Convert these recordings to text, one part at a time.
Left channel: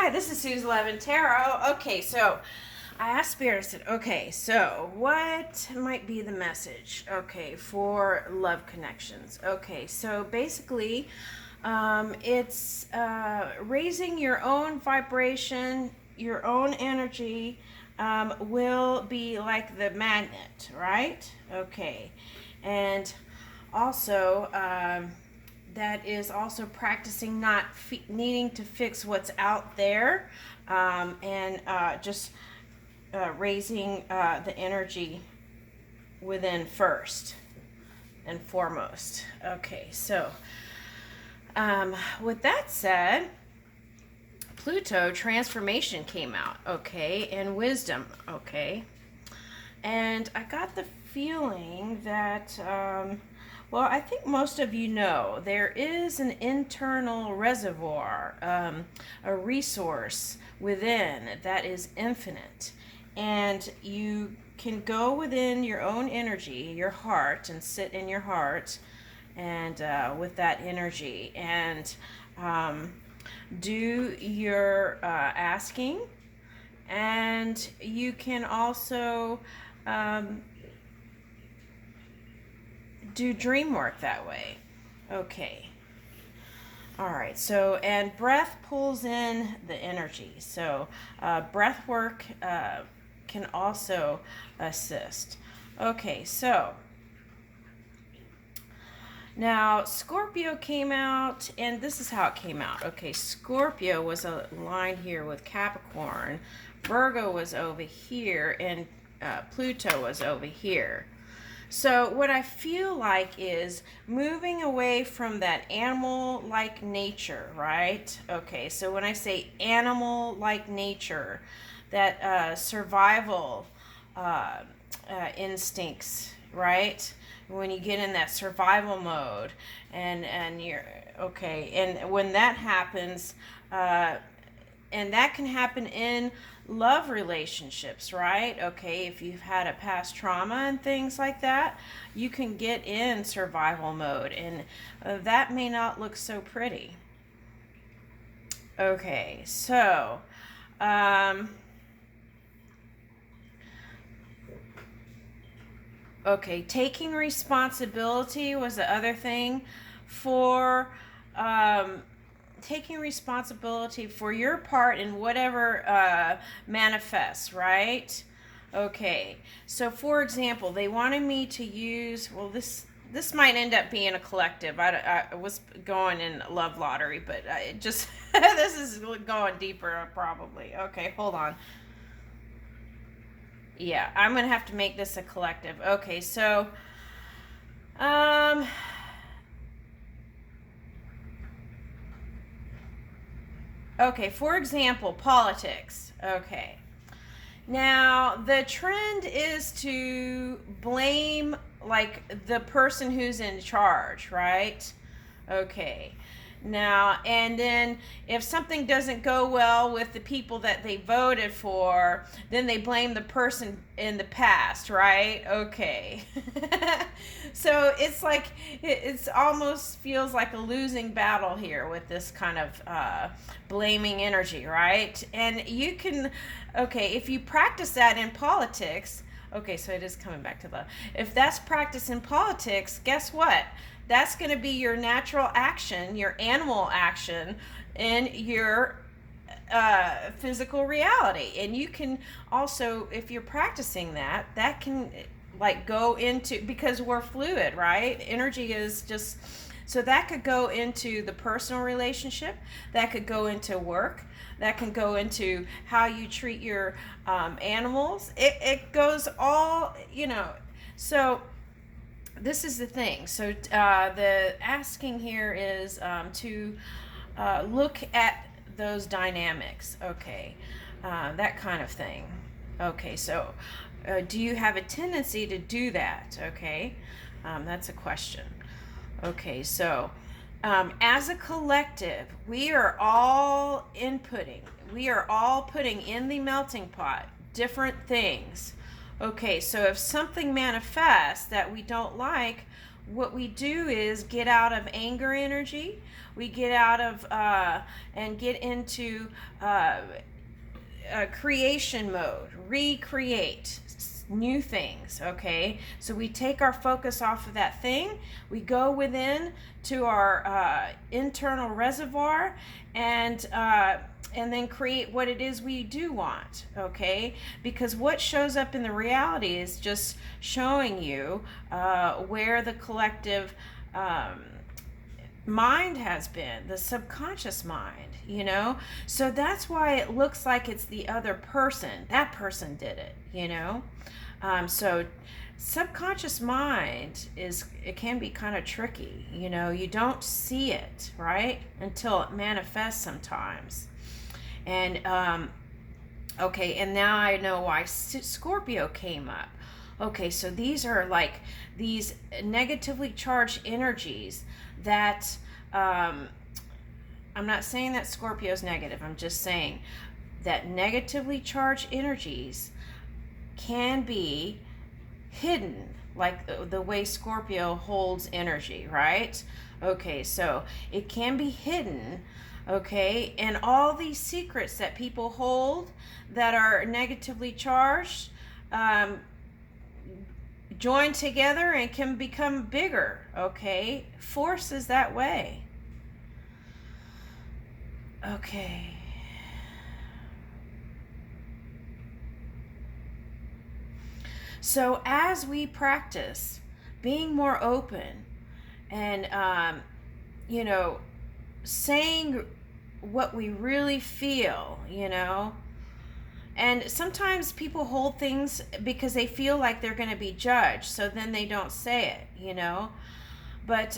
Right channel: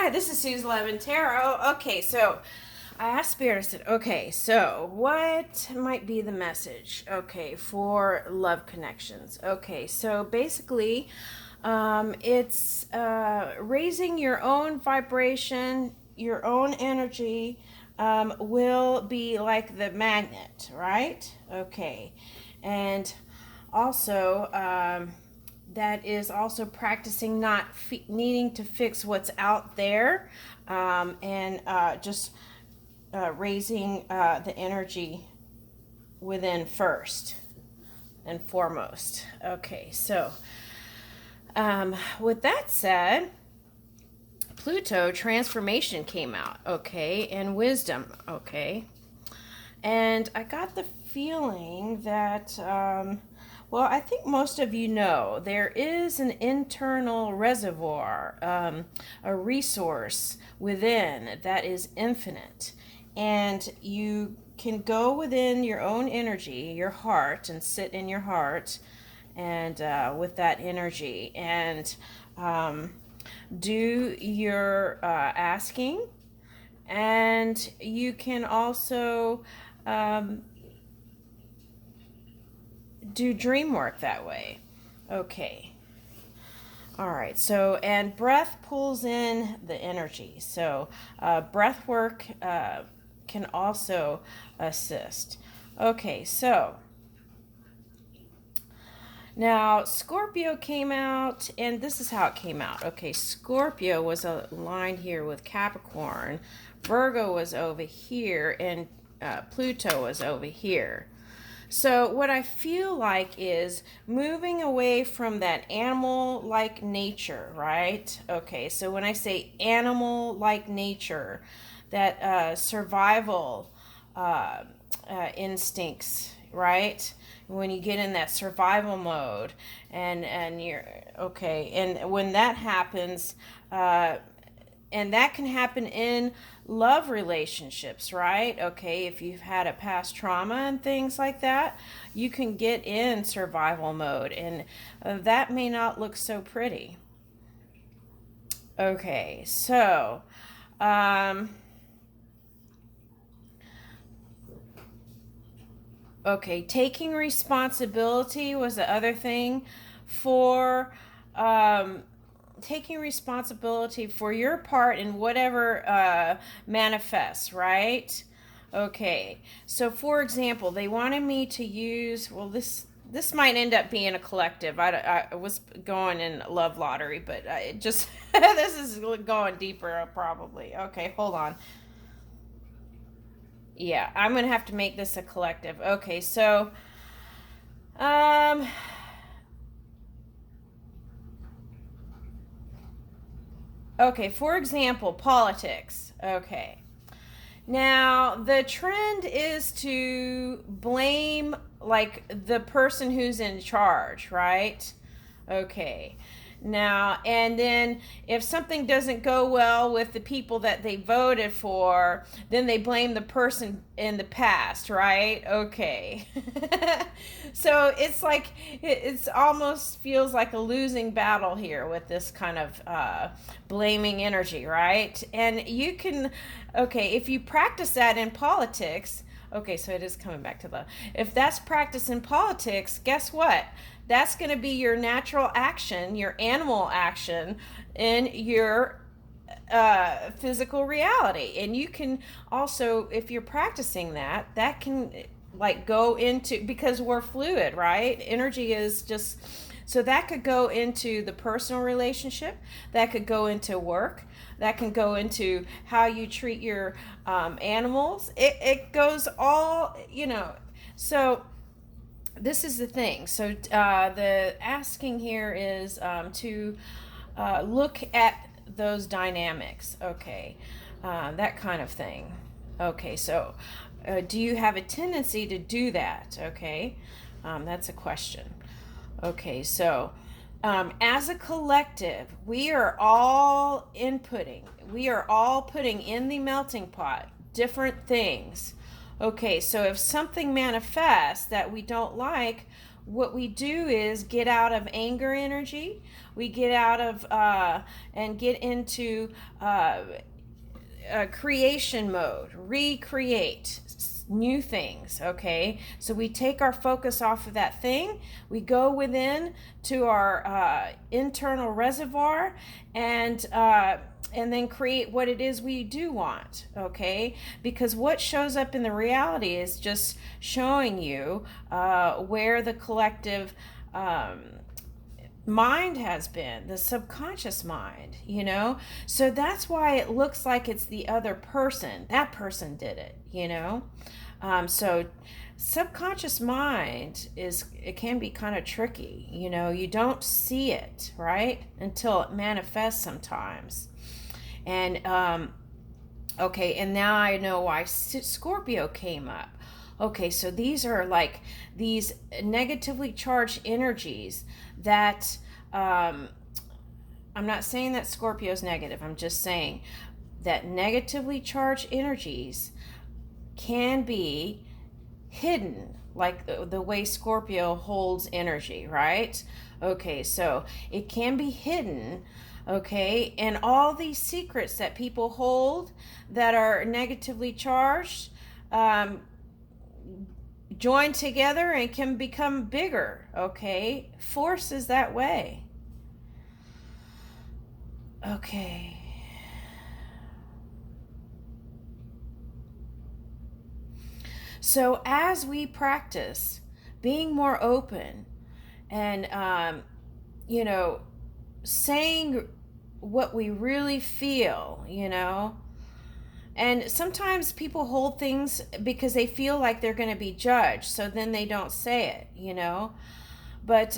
Hi, this is Sue's Levin Tarot. Okay, so I asked Spirit, I said, okay, so what might be the message, okay, for love connections? Okay, so basically, it's raising your own vibration, your own energy will be like the magnet, right? Okay, and also, that is also practicing not needing to fix what's out there, and just raising the energy within first and foremost. Okay, so with that said, Pluto transformation came out, okay, and wisdom, okay, and I got the feeling that well, I think most of you know there is an internal reservoir, a resource within that is infinite. And you can go within your own energy, your heart, and sit in your heart and with that energy and do your asking. And you can also do dream work that way. Okay. All right. So, and breath pulls in the energy. So, breath work can also assist. Okay. So, now Scorpio came out, and this is how it came out. Okay. Scorpio was aligned here with Capricorn, Virgo was over here, and Pluto was over here. So what I feel like is moving away from that animal-like nature, right? Okay, so when I say animal-like nature, that survival instincts, right? When you get in that survival mode, and you're okay, and when that happens, and that can happen in love relationships, right? Okay, if you've had a past trauma and things like that, you can get in survival mode, and that may not look so pretty. Okay, so okay, taking responsibility was the other thing for taking responsibility for your part in whatever manifests, right? Okay, so for example, they wanted me to use, well, this might end up being a collective. I was going in love lottery, but I just this is going deeper probably. Okay, hold on. Yeah, I'm gonna have to make this a collective. Okay, so um okay, for example, politics. Okay. Now, the trend is to blame like the person who's in charge, right? Okay. Now, and then if something doesn't go well with the people that they voted for, then they blame the person in the past, right? Okay. So it's like, it's almost feels like a losing battle here with this kind of blaming energy, right? And you can, okay, if you practice that in politics, okay, so it is coming back to love. If that's practice in politics, guess what? That's going to be your natural action, your animal action in your physical reality. And you can also, if you're practicing that, that can like go into, because we're fluid, right? Energy is just, so that could go into the personal relationship, that could go into work, that can go into how you treat your animals. It goes all, you know. So this is the thing. So the asking here is to look at those dynamics. Okay, that kind of thing. Okay, so do you have a tendency to do that? Okay, that's a question. Okay, so as a collective, we are all inputting, we are all putting in the melting pot different things. Okay, so if something manifests that we don't like, what we do is get out of anger energy, we get out of and get into creation mode, recreate new things. Okay, so we take our focus off of that thing, we go within to our internal reservoir, and then create what it is we do want. Okay, because what shows up in the reality is just showing you where the collective mind has been, the subconscious mind, you know. So that's why it looks like it's the other person. That person did it, you know. So subconscious mind it can be kind of tricky, you know. You don't see it, right, until it manifests sometimes. And okay, and now I know why Scorpio came up. Okay, so these are like these negatively charged energies that I'm not saying that Scorpio is negative. I'm just saying that negatively charged energies can be hidden, like the way Scorpio holds energy, right? Okay, so it can be hidden. Okay, and all these secrets that people hold that are negatively charged join together and can become bigger. Okay, force is that way. Okay, so as we practice being more open and you know, saying what we really feel, you know. And sometimes people hold things because they feel like they're going to be judged, so then they don't say it, you know. But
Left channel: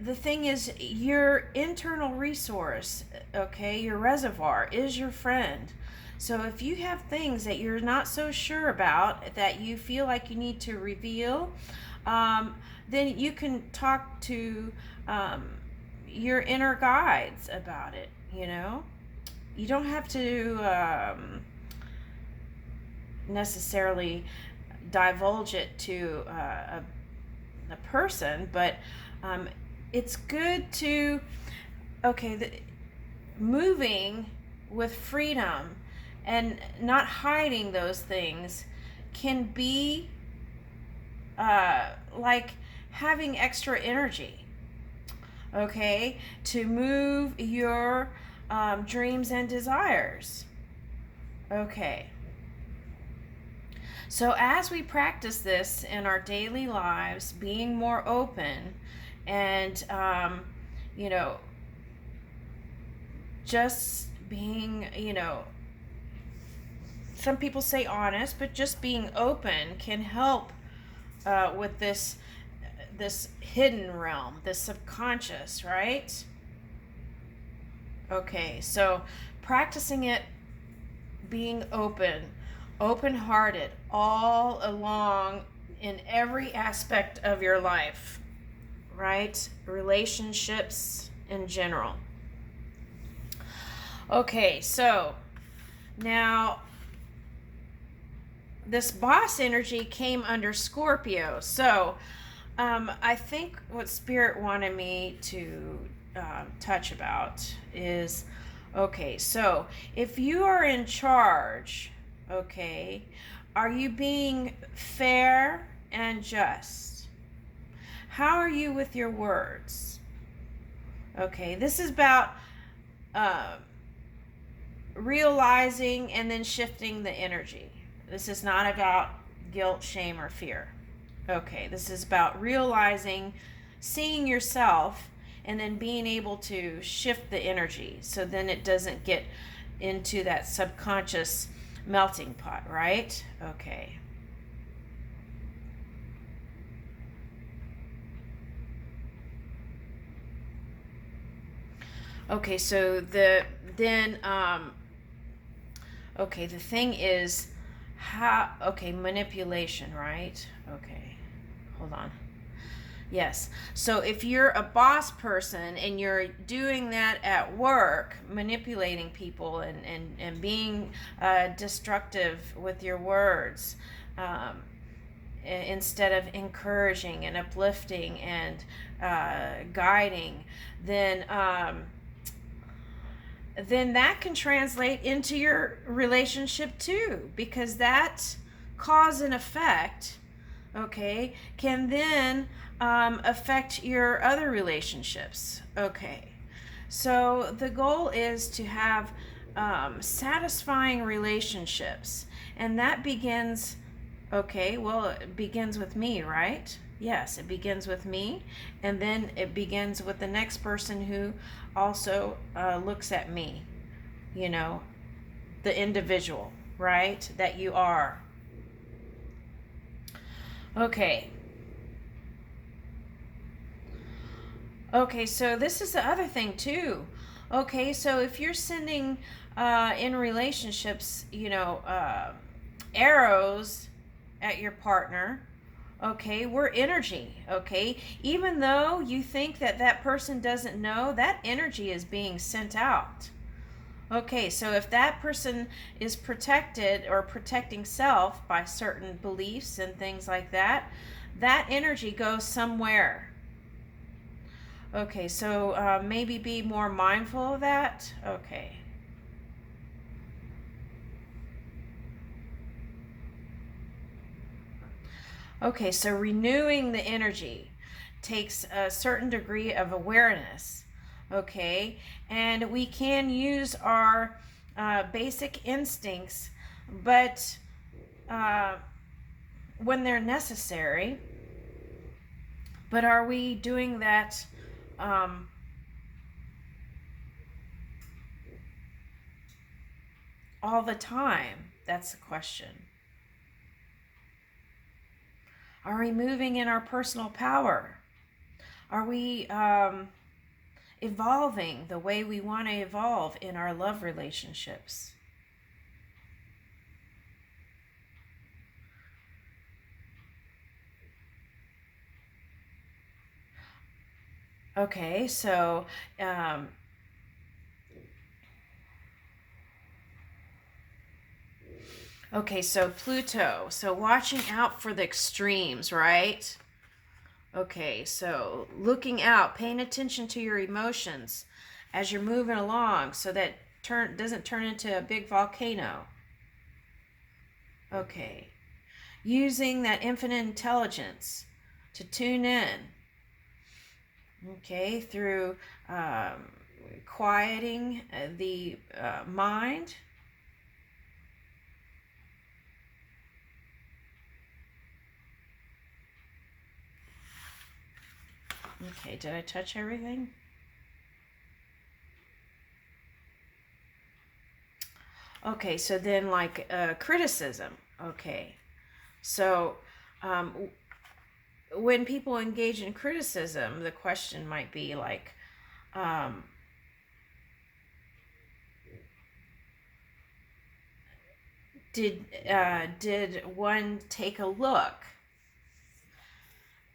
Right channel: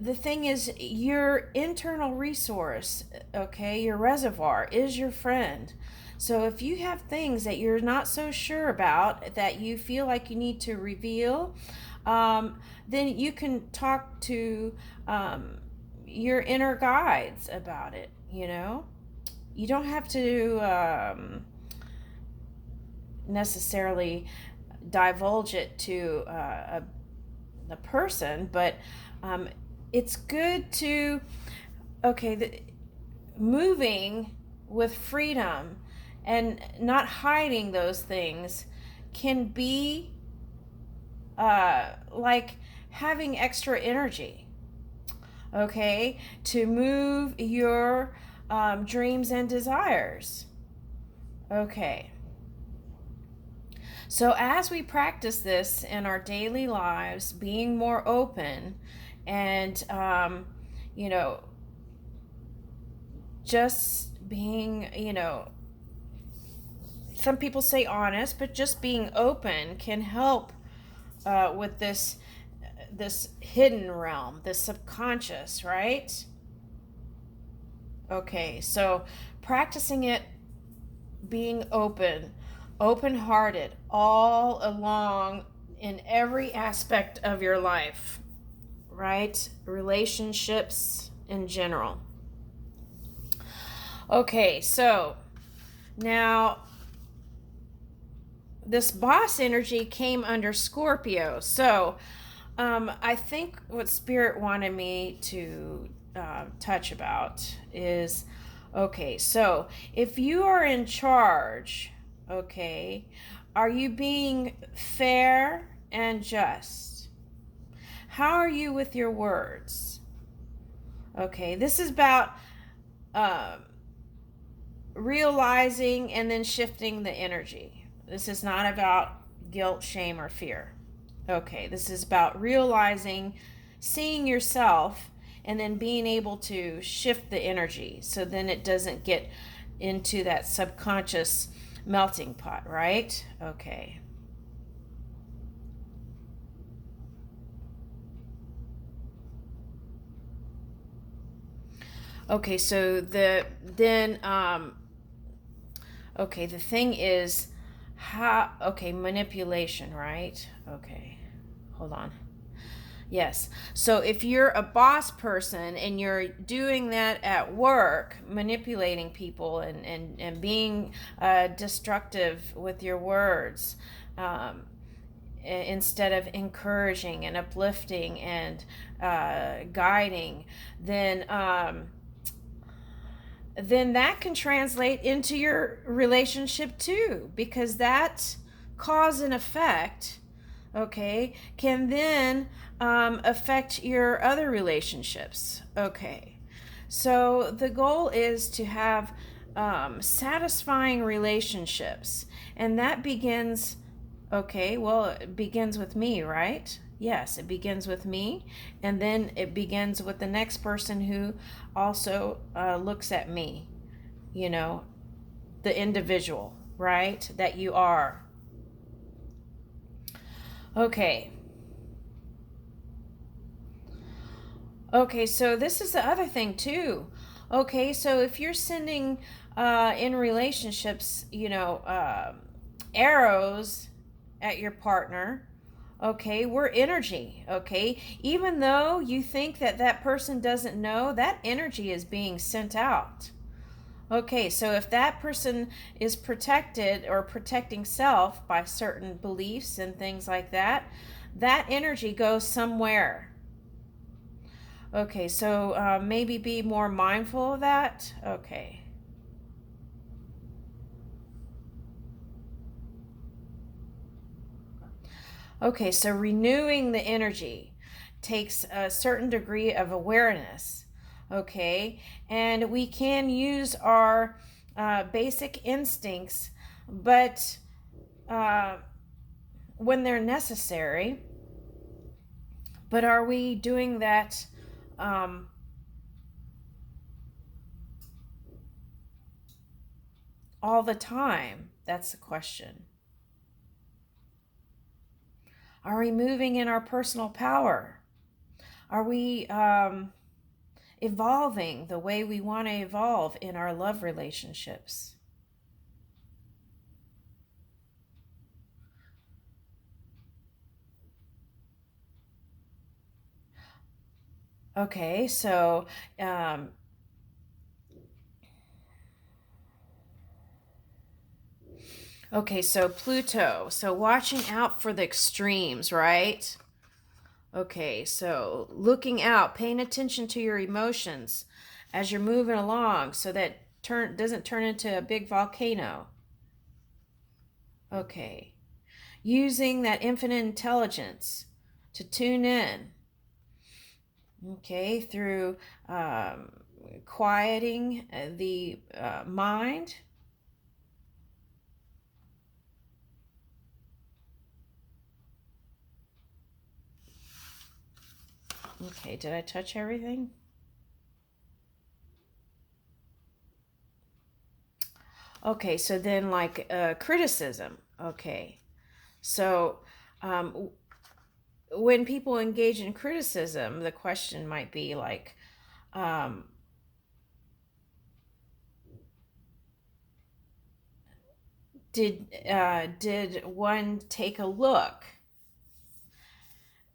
the thing is, your internal resource, okay, your reservoir is your friend. So if you have things that you're not so sure about, that you feel like you need to reveal, then you can talk to your inner guides about it, you know. You don't have to necessarily divulge it to a person, but it's good to, okay, moving with freedom and not hiding those things can be like having extra energy, okay, to move your dreams and desires. Okay, so as we practice this in our daily lives, being more open and you know, just being, you know, some people say honest, but just being open can help with this hidden realm, this subconscious, right? Okay, so practicing it, being open-hearted all along in every aspect of your life, right? Relationships in general. Okay, so now this boss energy came under Scorpio. So I think what Spirit wanted me to touch about is, okay, so if you are in charge, okay, are you being fair and just? How are you with your words? Okay, this is about realizing and then shifting the energy. This is not about guilt, shame, or fear. Okay, this is about realizing, seeing yourself, and then being able to shift the energy so then it doesn't get into that subconscious melting pot, right? Okay. Okay, so the thing is how, okay, manipulation, right? Okay, hold on. Yes, so if you're a boss person and you're doing that at work, manipulating people and being destructive with your words, instead of encouraging and uplifting and guiding, then that can translate into your relationship too, because that cause and effect, okay, can then affect your other relationships. Okay, so the goal is to have satisfying relationships, and that begins, okay, well, it begins with me, right? Yes, it begins with me, and then it begins with the next person who also looks at me, you know, the individual, right, that you are. Okay. Okay, so this is the other thing too. Okay, so if you're sending in relationships, arrows at your partner, okay, we're energy, okay? Even though you think that that person doesn't know, that energy is being sent out. Okay, so if that person is protected or protecting self by certain beliefs and things like that, that energy goes somewhere. Okay, so maybe be more mindful of that. Okay. Okay, so renewing the energy takes a certain degree of awareness. Okay, and we can use our basic instincts, but when they're necessary. But are we doing that all the time? That's the question. Are we moving in our personal power? Are we evolving the way we want to evolve in our love relationships? Okay, so okay, so Pluto. So watching out for the extremes, right? Okay, so looking out, paying attention to your emotions as you're moving along so that doesn't turn into a big volcano. Okay. Using that infinite intelligence to tune in. Okay, through quieting the mind. Okay, did I touch everything? Okay, so then like criticism. Okay, so when people engage in criticism, the question might be like, did one take a look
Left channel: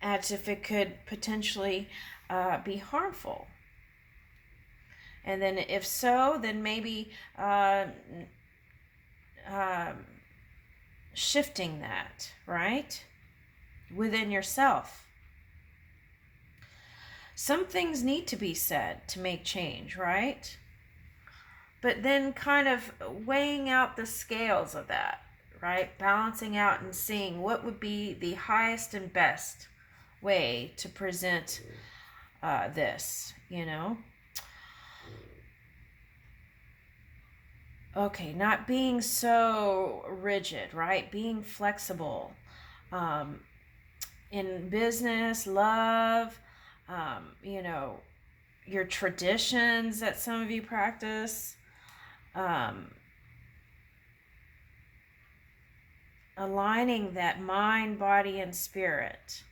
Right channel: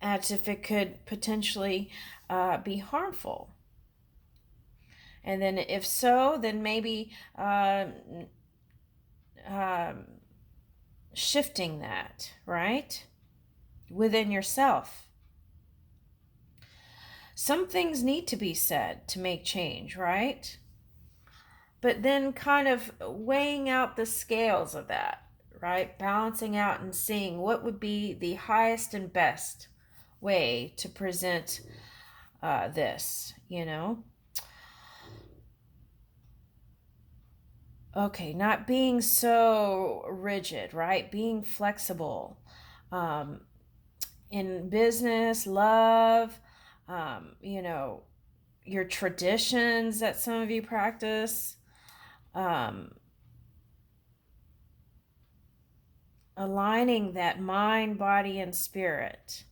as if it could potentially be harmful? And then if so, then maybe shifting that, right, within yourself. Some things need to be said to make change, right? But then kind of weighing out the scales of that, right? Balancing out and seeing what would be the highest and best way to present this, Okay, not being so rigid, right? Being flexible. In business, love, your traditions that some of you practice. Aligning that mind, body, and spirit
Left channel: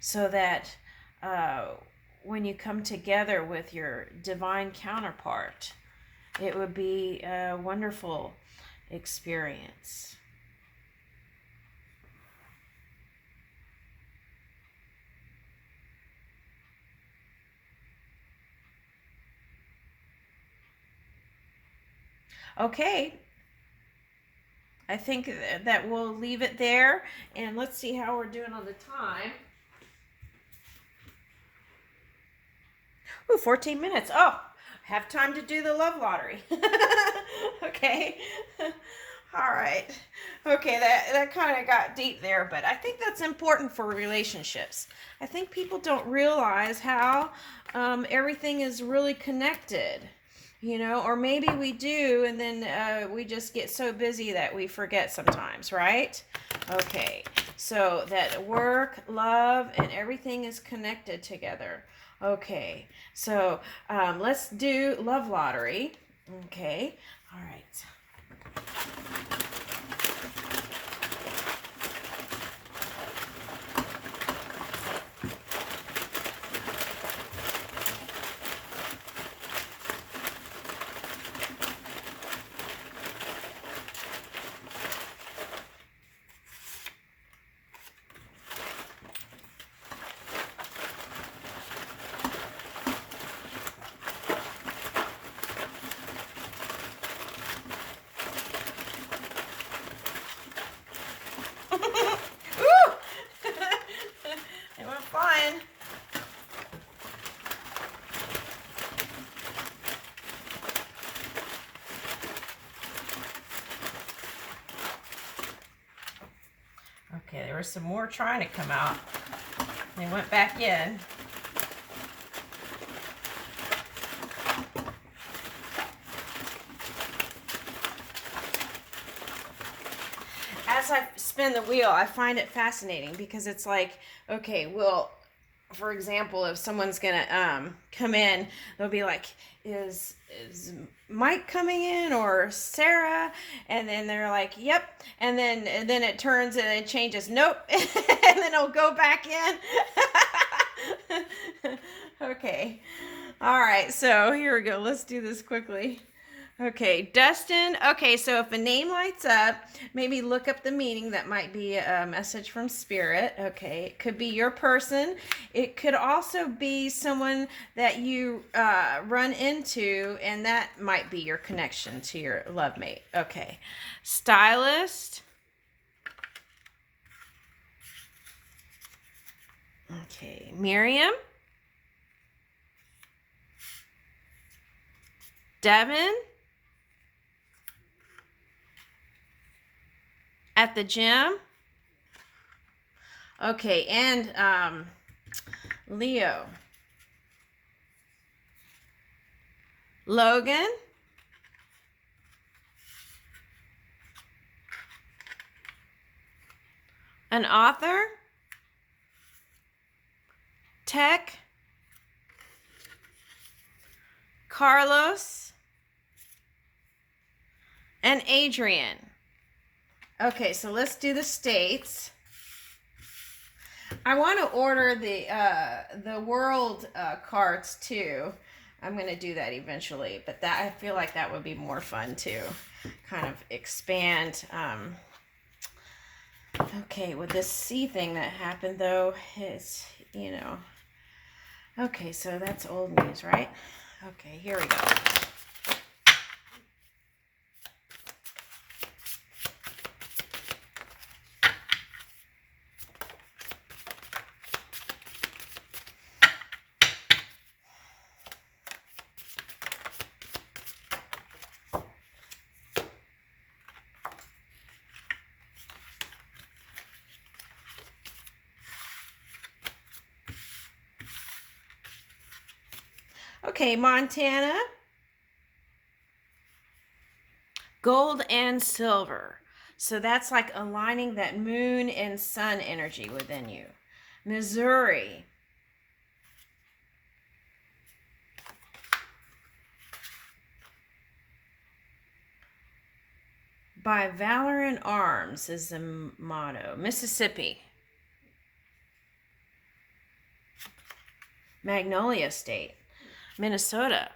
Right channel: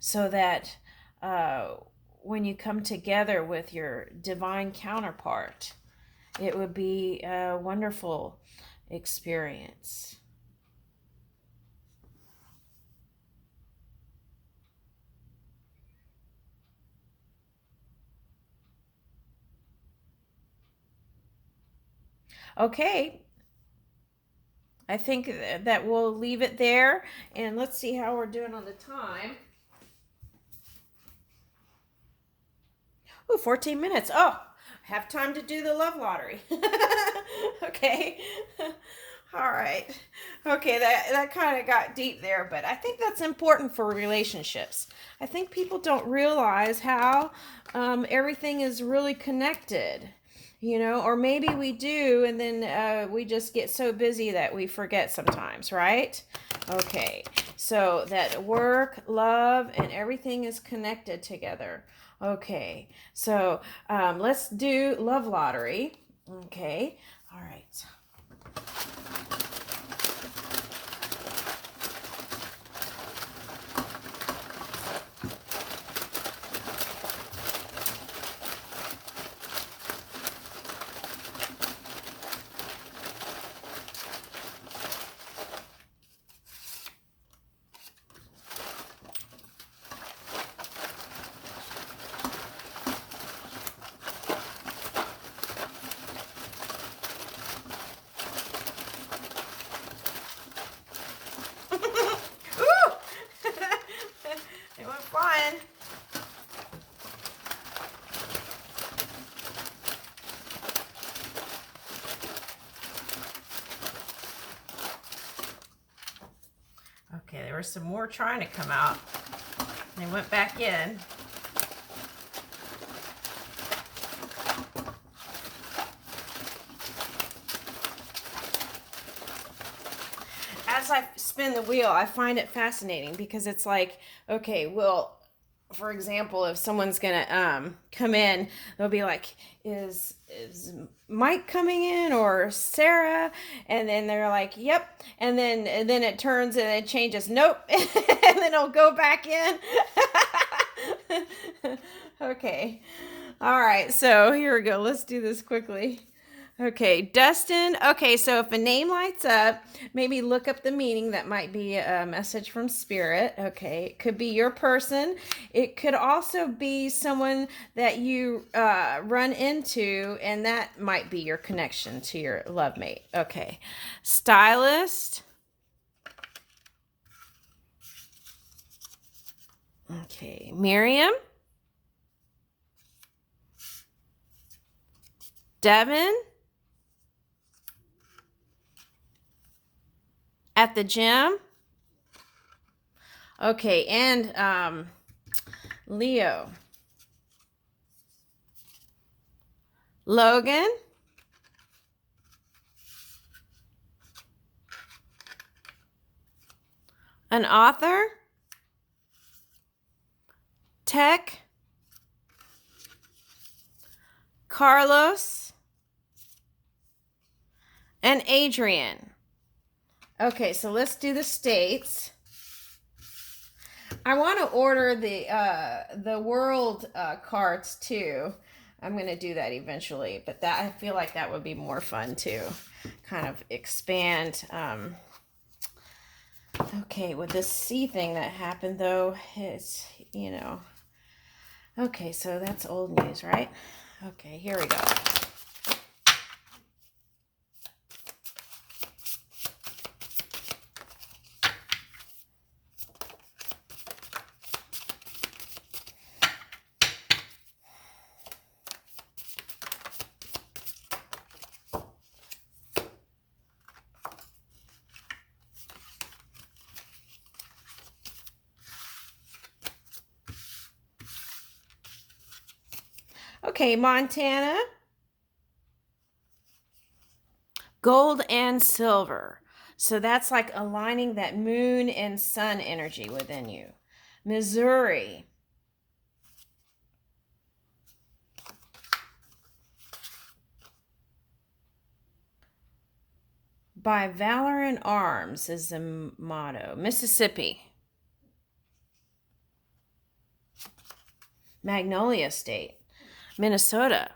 so that when you come together with your divine counterpart, it would be a wonderful experience. Okay. I think that we'll leave it there. And let's see how we're doing on the time. Ooh, 14 minutes. Oh, have time to do the love lottery. Okay. All right. Okay, that kind of got deep there, but I think that's important for relationships. I think people don't realize how everything is really connected, or maybe we do, and then we just get so busy that we forget sometimes, right? Okay, so that work, love, and everything is connected together. Okay, so let's do love lottery. Okay, all right. It went flying. Okay, there were some more trying to come out. They went back in. As I spin the wheel, I find it fascinating because it's like, okay, well, for example, if someone's gonna come in, they'll be like, is Mike coming in or Sarah? And then they're like, yep. And then it turns and it changes, nope. And then it'll go back in. Okay. All right, so here we go. Let's do this quickly. Okay, Dustin. Okay, so if a name lights up, maybe look up the meaning. That might be a message from Spirit. Okay, it could be your person. It could also be someone that you run into, and that might be your connection to your love mate. Okay, Stylist. Okay, Miriam. Devin. At the gym. Okay, and Leo. Logan. An author. Tech. Carlos. And Adrian. Okay, so let's do the states. I want to order the world cards too. I'm going to do that eventually, but that I feel like that would be more fun to kind of expand. Okay, with this C thing that happened though, it's, Okay, so that's old news, right? Okay, here we go. Okay, Montana. Gold and silver. So that's like aligning that moon and sun energy within you. Missouri. By valor in arms is the motto. Mississippi. Magnolia State. Minnesota.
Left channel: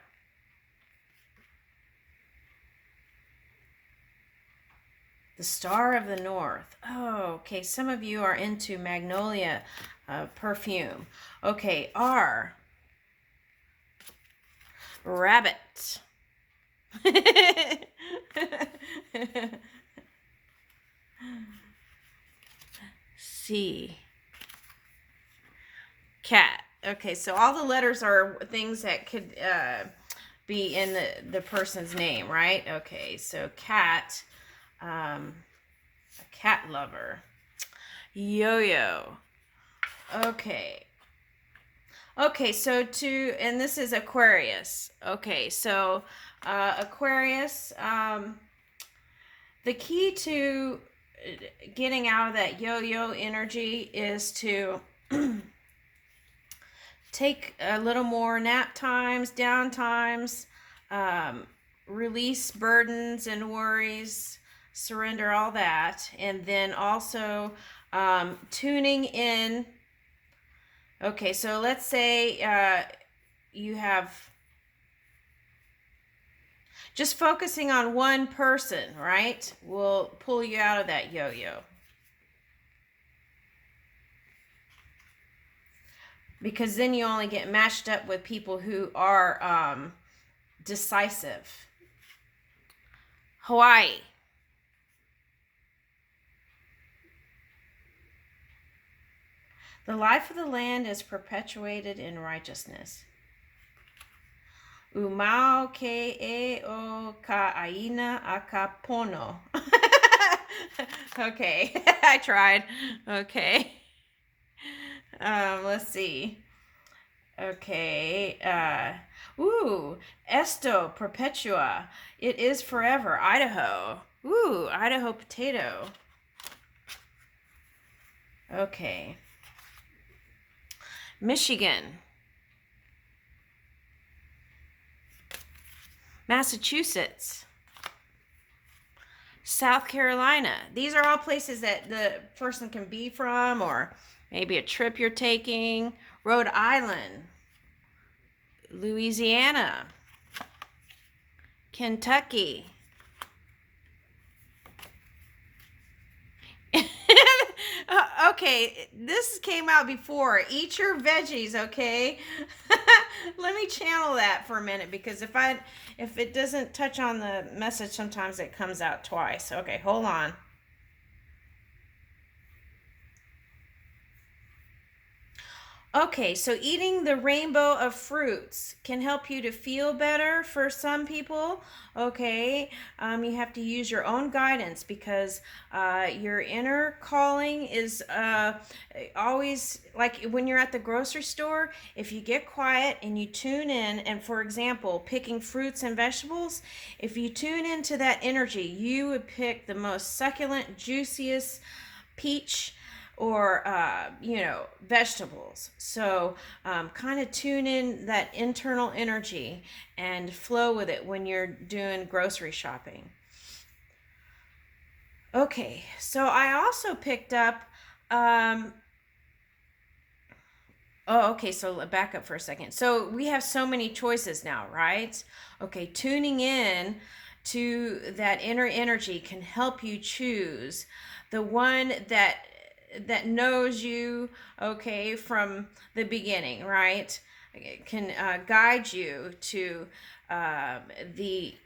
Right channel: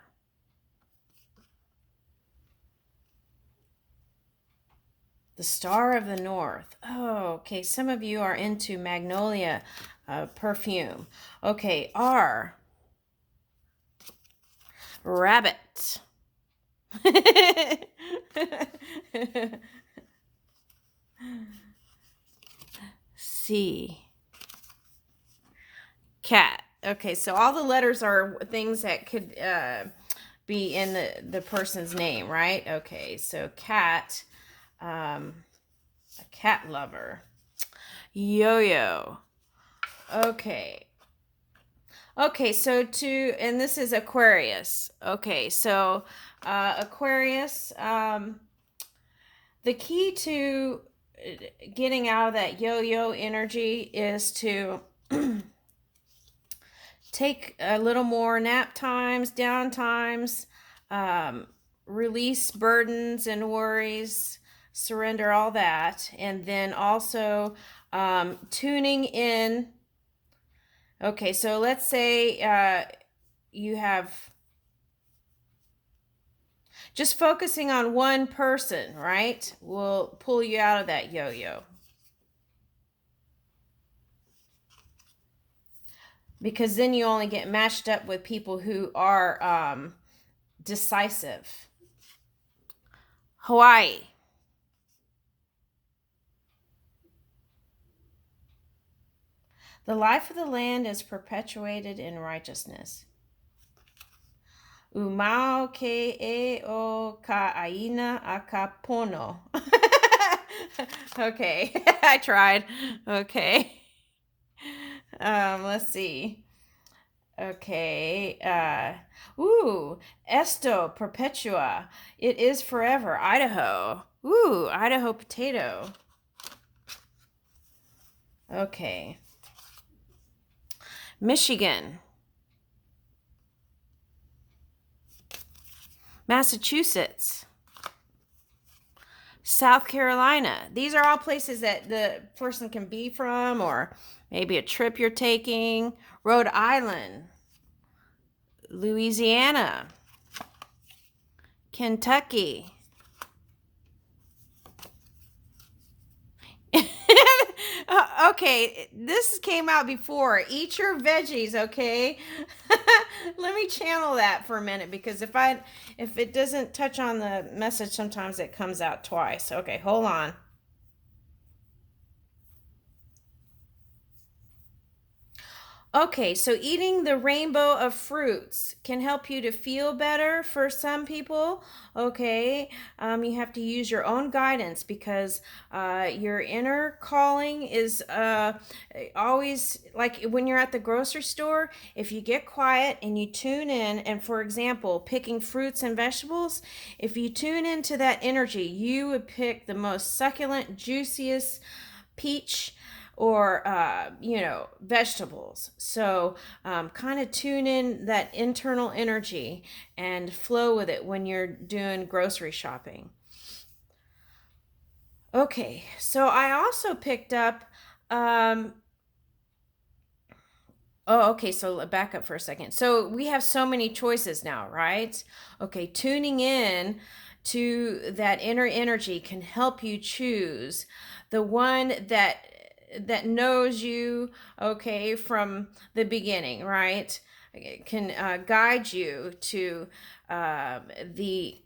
The Star of the North. Oh, okay. Some of you are into magnolia perfume. Okay, R. Rabbit. C. Cat. Okay, so all the letters are things that could be in the person's name, right? Okay, so cat, a cat lover. Yo-yo. Okay. Okay, so and this is Aquarius. Okay, so Aquarius, the key to getting out of that yo-yo energy is to take a little more nap times, down times, release burdens and worries, surrender all that, and then also tuning in. Okay, so let's say you have just focusing on one person, right? Will pull you out of that yo-yo. Because then you only get matched up with people who are decisive. Hawaii. The life of the land is perpetuated in righteousness. Umau ke e o ka aina akapono. Okay, I tried. Okay. Let's see. Okay. Esto perpetua. It is forever. Idaho. Idaho potato. Okay. Michigan. Massachusetts. South Carolina. These are all places that the person can be from, or maybe a trip you're taking. Rhode Island. Louisiana. Kentucky. Okay, this came out before. Eat your veggies, okay? Let me channel that for a minute, because if it doesn't touch on the message, sometimes it comes out twice. Okay, hold on. Okay, so eating the rainbow of fruits can help you to feel better for some people. Okay, you have to use your own guidance, because your inner calling is always like when you're at the grocery store. If you get quiet and you tune in, and for example, picking fruits and vegetables, if you tune into that energy, you would pick the most succulent, juiciest peach or vegetables. So kind of tune in that internal energy and flow with it when you're doing grocery shopping. Okay, so I also picked up so back up for a second. So we have so many choices now, right? Okay, tuning in to that inner energy can help you choose the one that knows you, okay, from the beginning, right? It can guide you to the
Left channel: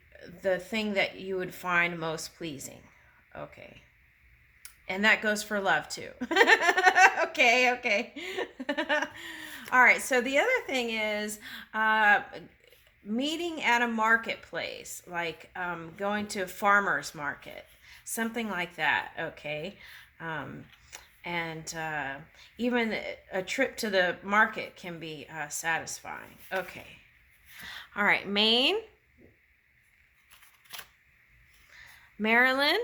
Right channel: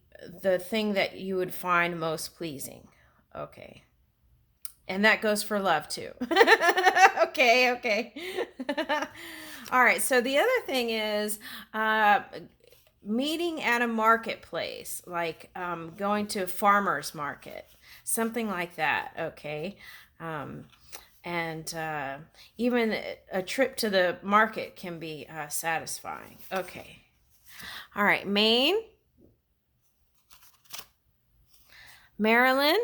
thing that you would find most pleasing. Okay. And that goes for love too. Okay. All right, so the other thing is meeting at a marketplace, like going to a farmer's market, something like that, okay? And even a trip to the market can be satisfying. Okay. All right, Maine, Maryland,